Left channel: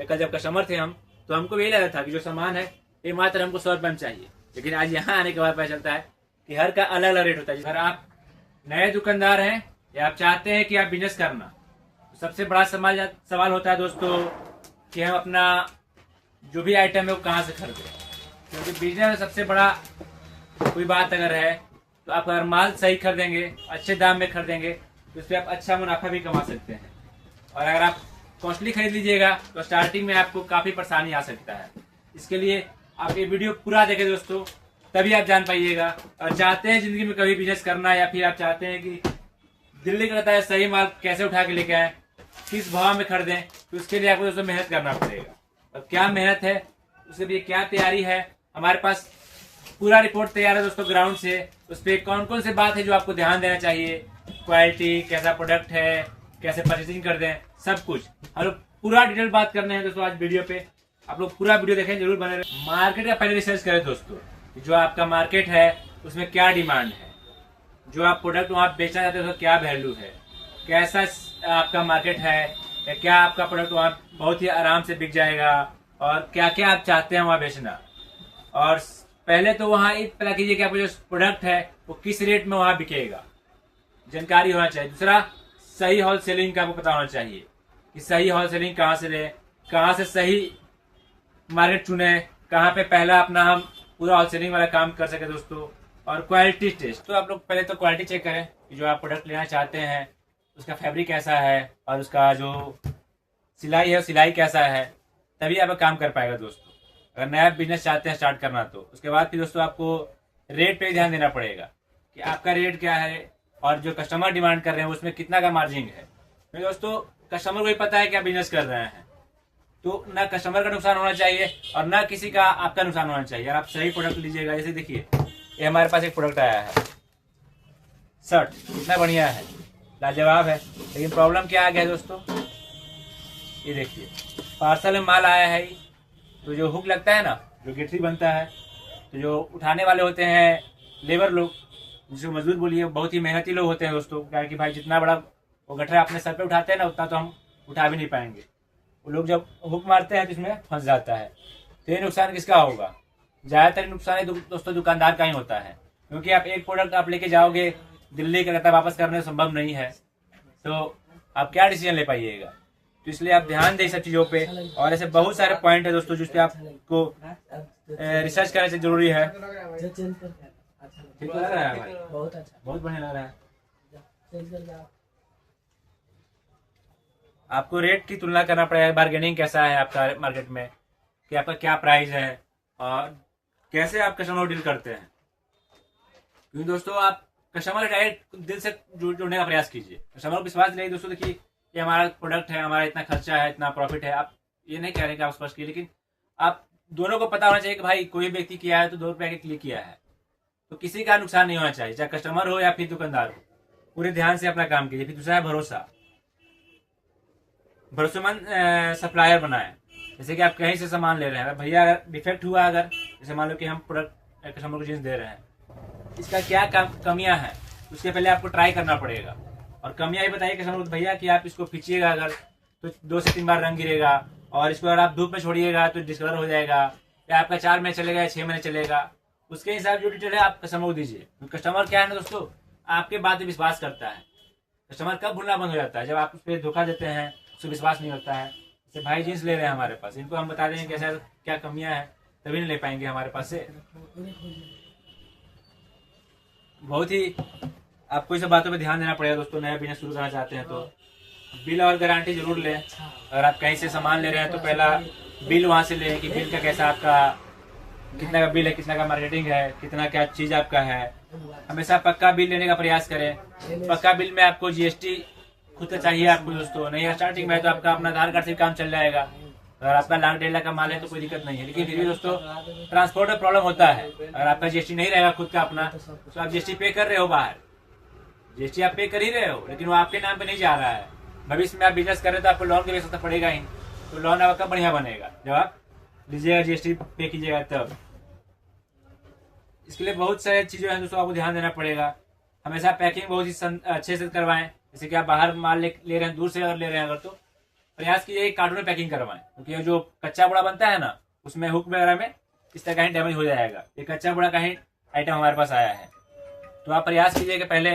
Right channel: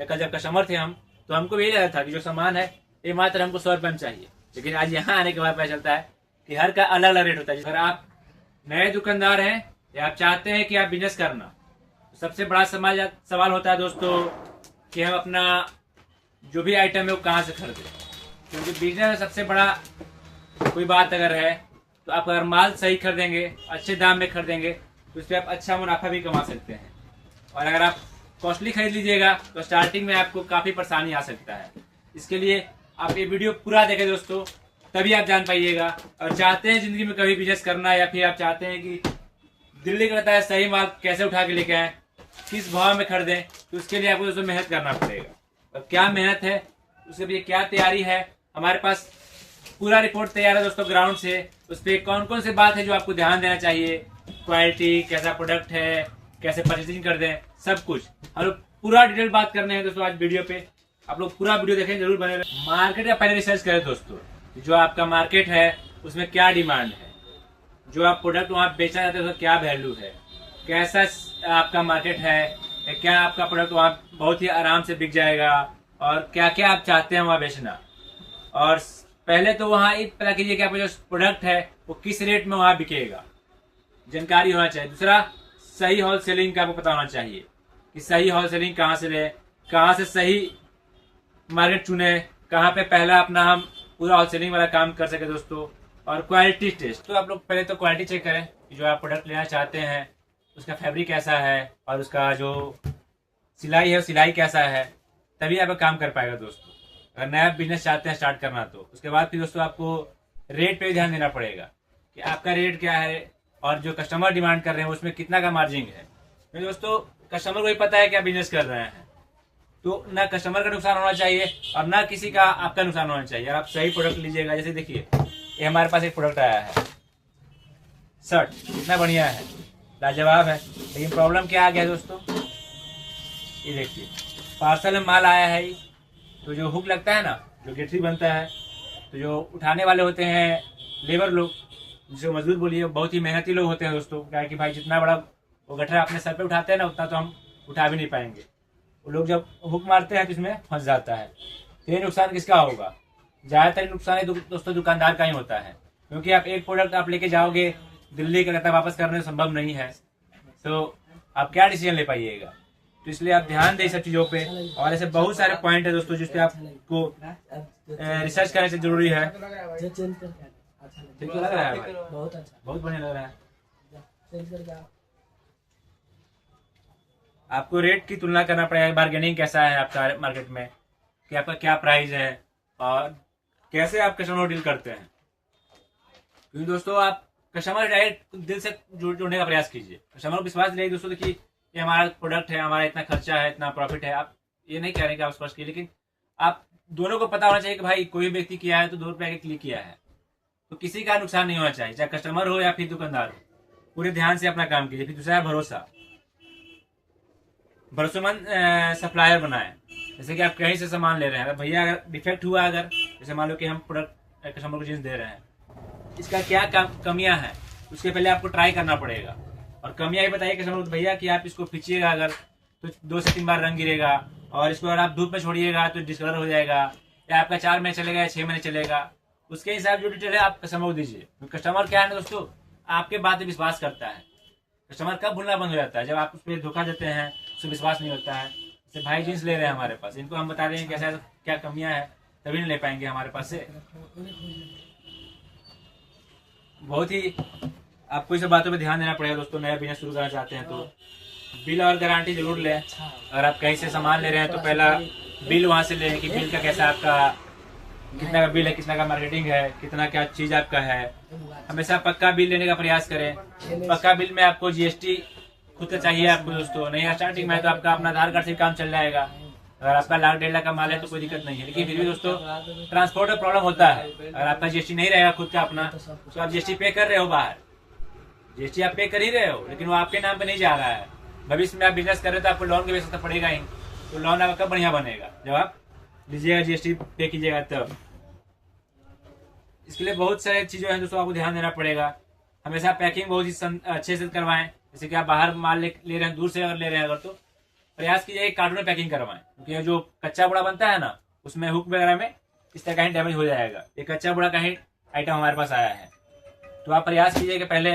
या कल जब कस्टमर थे हम, तो हमको भी यही लगा था कि जो सामान है ये मात्र हमको 100 रुपये में चाहिए। लेकिन आज यहाँ आने के बाद पता चलता है कि हर का अलग अलग रेट होता है। अगर आप नए दुकानदार हैं या आप चाहते हैं कि आप बिजनेस करना, तो सबसे बड़ा सवाल होता है दोस्तों कि हम अपना जो भी आइटम है वो कहाँ से खरीदें। क्योंकि बिजनेस में सबसे बड़ा कोई बात अगर है तो आप अगर माल सही खरीदेंगे, अच्छे दाम में खरीदेंगे, तो उस पर आप अच्छा मुनाफा भी कमा सकते हैं। और अगर आप कॉस्टली खरीद लीजिएगा तो स्टार्टिंग में आपको काफ़ी परेशानी आ सकता है। इसके लिए आप ये वीडियो पूरा देखें दोस्तों, तभी आप जान पाइएगा। और चाहते हैं ज़िंदगी में कभी बिजनेस करना, या फिर आप चाहते हैं कि दिल्ली का रहता है सही माल कैसे उठा के लेके आए, किस भाव में खरीदें, तो उसके लिए आपको दोस्तों मेहनत करना पड़ेगा। और क्या मेहनत है, उसके लिए क्या तैयारी है, हमारे पास पूरा रिपोर्ट तैयार है दोस्तों ग्राउंड से। उस पर कौन कौन से बात है जो आपको ध्यान देना चाहिए, क्वालिटी, कैसा प्रोडक्ट है, कैसे परचेसिंग कर दें, सब कुछ हम लोग पूरा डिटेल बात करने हैं दोस्तों आज वीडियो पे। आप लोग पूरा वीडियो देखें, जरूर बने रहे। मार्केट का पहले रिसर्च करें दोस्तों, जो आपका मार्केट है उसमें क्या डिमांड है, जो आप प्रोडक्ट वहाँ बेचना चाहते हैं उसका क्या वैल्यू है, कैसा आपका मार्केट है, क्या आपका प्रोडक्ट वहाँ बहुत ही आराम से बिक जाएगा, और क्या क्या आप चाहते हैं वहाँ बेचना। और पहले तो वहाँ ये पता कीजिए कि आपका जो प्रोडक्ट है वो किस रेट में वहाँ बिकेगा, जानकारी होना चाहिए। दूसरा, सही होलसेलिंग का आपको पता होना चाहिए कि सही होलसेलिंग कहाँ से ले, कहाँ से सही मार्केट चुने, कहाँ पे पहला अपना हम पूरा होलसेलिंग वाला काम कर सके दोस्तों। और क्वालिटी टेस्ट, तो आप लोग पहले तो क्वालिटी चेक करें कि जो आप प्रोडक्ट लेना चाहते हैं उसका फैब्रिक कैसा है और उसका जो सिलाई है सिलाई कैसा है, तभी आप काम कर पाएगा दोस्तों। अगर नया बिजनेस चाहते हैं स्टार्ट करना तो उसके बाद फिर दोस्तों आपको रेट पे ध्यान देना पड़ेगा कि आपका रेट क्या है और जो कस्टमर डिमांड कर रहे हैं उसमें कितना का मार्जिन है। तो दोस्तों कस्टमर को भी पता है कि आप बिजनेस कर रहे हैं, तो ना कस्टमर का नुकसान होना चाहिए और ना किसी का आपका नुकसान होना चाहिए। आप सही प्रोडक्ट लीजिएगा। जैसे देखिए ये हमारे पास एक प्रोडक्ट आया है, शर्ट कितना बढ़िया है, लाजवाब है। लेकिन प्रॉब्लम क्या आ गया दोस्तों, ये देखिए पार्सल में माल आया है, तो जो हुक लगता है ना, जो गेटरी बनता है, तो जो उठाने वाले होते हैं लेबर लोग, जिसको मजदूर बोलिए, बहुत ही मेहनती लोग होते हैं दोस्तों। क्या कि भाई जितना बड़ा वो गठरा अपने सर पे उठाते हैं ना, उतना तो हम उठा भी नहीं पाएंगे। वो लोग जब हुक मारते हैं तो इसमें फंस जाता है। तो ये नुकसान किसका होगा, ज़्यादातर नुकसान दोस्तों दुकानदार का ही होता है। क्योंकि आप एक प्रोडक्ट आप लेके जाओगे दिल्ली का, वापस करने संभव नहीं है, तो आप क्या डिसीजन ले पाइएगा। तो इसलिए आप ध्यान दें सब चीज़ों पे। और ऐसे बहुत सारे पॉइंट है दोस्तों जिस पे आपको रिसर्च करने से जरूरी है। ठीक तो लग रहा है भाई, बहुत बढ़िया लग रहा है। आपको रेट की तुलना करना पड़ेगा, बार्गेनिंग कैसा है आपका मार्केट में, कि आपका क्या प्राइस है और कैसे आप कस्टमर को डील करते हैं। क्योंकि दोस्तों आप कस्टमर डायरेक्ट दिल से जुड़ने का प्रयास कीजिए। कस्टमर को विश्वास दिलाइए दोस्तों, देखिए ये हमारा प्रोडक्ट है, हमारा इतना खर्चा है, इतना प्रॉफिट है। आप ये नहीं कह रहे कि आप स्पष्ट कीजिए, लेकिन आप दोनों को पता होना चाहिए कि भाई कोई व्यक्ति किया है तो 2 रुपये के लिए किया है, तो किसी का नुकसान नहीं होना चाहिए, चाहे कस्टमर हो या फिर दुकानदार हो। पूरे ध्यान से अपना काम कीजिए। फिर दूसरा है भरोसा, भरोसेमंद सप्लायर बनाए। जैसे कि आप कहीं से सामान ले रहे हैं, भैया अगर डिफेक्ट हुआ, अगर जैसे मान लो कि हम प्रोडक्ट कस्टमर को जींस दे रहे हैं, इसका क्या कमियां हैं, उसके पहले आपको ट्राई करना पड़ेगा। और कमियां ही बताइए कस्टमर को, भैया कि आप इसको खींचिएगा अगर तो 2 से 3 बार रंग गिरेगा, और इसको अगर आप धूप में छोड़िएगा तो डिस्कलर हो जाएगा, या आपका 4 महीने चलेगा या 6 महीने चलेगा। उसके हिसाब जो डिटेल है आप कस्टमर को दीजिए। कस्टमर क्या है ना दोस्तों, आपके बात पे विश्वास करता है। कस्टमर कब भूलना बंद हो जाता है, जब आप उस पर धोखा देते हैं, उससे विश्वास नहीं होता है। जैसे भाई जींस ले रहे हैं हमारे पास, इनको हम बता देंगे कैसा क्या कमियां हैं, तभी नहीं ले पाएंगे हमारे पास से। बहुत ही आपको इस बातों पे ध्यान देना पड़ेगा दोस्तों। नया बिजनेस शुरू करना चाहते हैं तो बिल और गारंटी जरूर लें। अगर आप कहीं से सामान ले रहे हैं तो पहला बिल वहाँ से लें कि बिल का कैसा आपका, कितना का बिल है, कितना का मार्केटिंग है, कितना क्या चीज आपका है। हमेशा पक्का बिल लेने का प्रयास करें। पक्का बिल में आपको जीएसटी खुद का चाहिए आपको दोस्तों, नहीं स्टार्टिंग में तो आपका अपना आधार कार्ड से काम चल जाएगा। अगर आपका 1 लाख 1.5 लाख का माल है तो कोई दिक्कत नहीं है। लेकिन फिर भी दोस्तों ट्रांसपोर्ट में प्रॉब्लम होता है। अगर आपका जीएसटी नहीं रहेगा खुद का अपना, तो आप जीएसटी पे कर रहे हो बाहर, जीएसटी आप पे कर ही रहे हो, लेकिन वो आपके नाम पे नहीं जा रहा है। भविष्य में आप बिजनेस कर रहे हो तो आपको लोन की व्यवस्था पड़ेगा ही, तो लोन आपका बढ़िया बनेगा जब आप लीजिएगा, जीएसटी पे कीजिएगा तब। इसके लिए बहुत सारी चीजें हैं दोस्तों, आपको ध्यान देना पड़ेगा। हमेशा पैकिंग बहुत ही अच्छे से करवाएं। जैसे कि आप बाहर माल ले रहे हैं, दूर से अगर ले रहे हैं अगर, तो प्रयास कीजिए कार्टून में पैकिंग करवाएं, क्योंकि जो कच्चा बोड़ा बनता है ना, उसमें हुक वगैरह में इस तरह का ही डैमेज हो जाएगा। ये कच्चा बोड़ा का ही आइटम हमारे पास आया है। तो आप प्रयास कीजिए कि पहले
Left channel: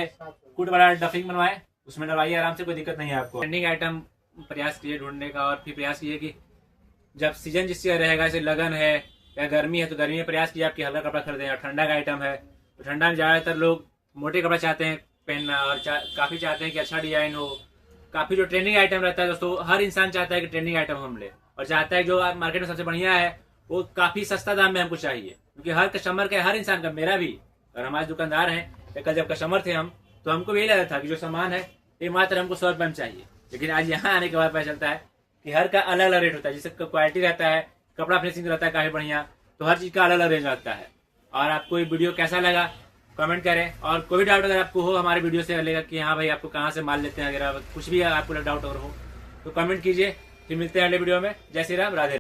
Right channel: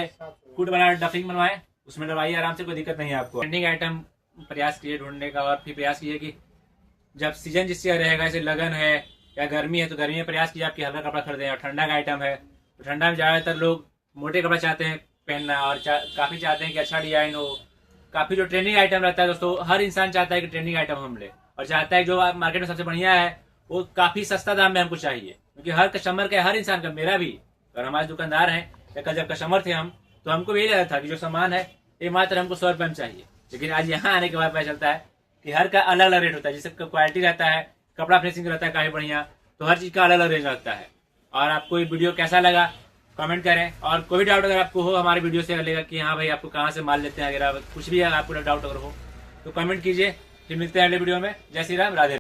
फूड बना डफिंग बनवाएं, उसमें डलवाइए आराम से, कोई दिक्कत नहीं है आपको। ट्रेंडिंग आइटम प्रयास कीजिए ढूंढने का, और फिर प्रयास कीजिए कि जब सीजन जिससे रहेगा, जैसे लगन है या गर्मी है, तो गर्मी में प्रयास कीजिए आपकी हल्का कपड़ा खरीदें। और ठंडा का आइटम है तो ठंडा में ज़्यादातर लोग मोटे कपड़ा चाहते हैं पहनना, और काफ़ी चाहते हैं कि अच्छा डिजाइन हो। काफ़ी जो ट्रेंडिंग आइटम रहता है दोस्तों, हर इंसान चाहता है कि ट्रेंडिंग आइटम हम ले, और चाहता है जो मार्केट में सबसे बढ़िया है वो काफ़ी सस्ता दाम में हमको चाहिए। क्योंकि हर कस्टमर का, हर इंसान का, मेरा भी और हमारे दुकानदार हैं, कल जब कस्टमर थे हम, तो हमको भी यही लगा था कि जो सामान है ये मात्र हमको 100 रुपये में चाहिए। लेकिन आज यहाँ आने के बाद पता चलता है कि हर का अलग अलग रेट होता है। जैसे क्वालिटी रहता है, कपड़ा फिनिशिंग रहता है काफ़ी बढ़िया, तो हर चीज़ का अलग अलग रेंज लगता है। और आपको ये वीडियो कैसा लगा कमेंट करें, और कोई भी डाउट अगर आपको हो हमारे वीडियो से लगेगा कि हाँ भाई आपको कहाँ से माल लेते हैं, अगर कुछ भी आपको डाउट अगर हो तो कमेंट कीजिए। फिर मिलते हैं अगले वीडियो में। जय श्री राम, राधे।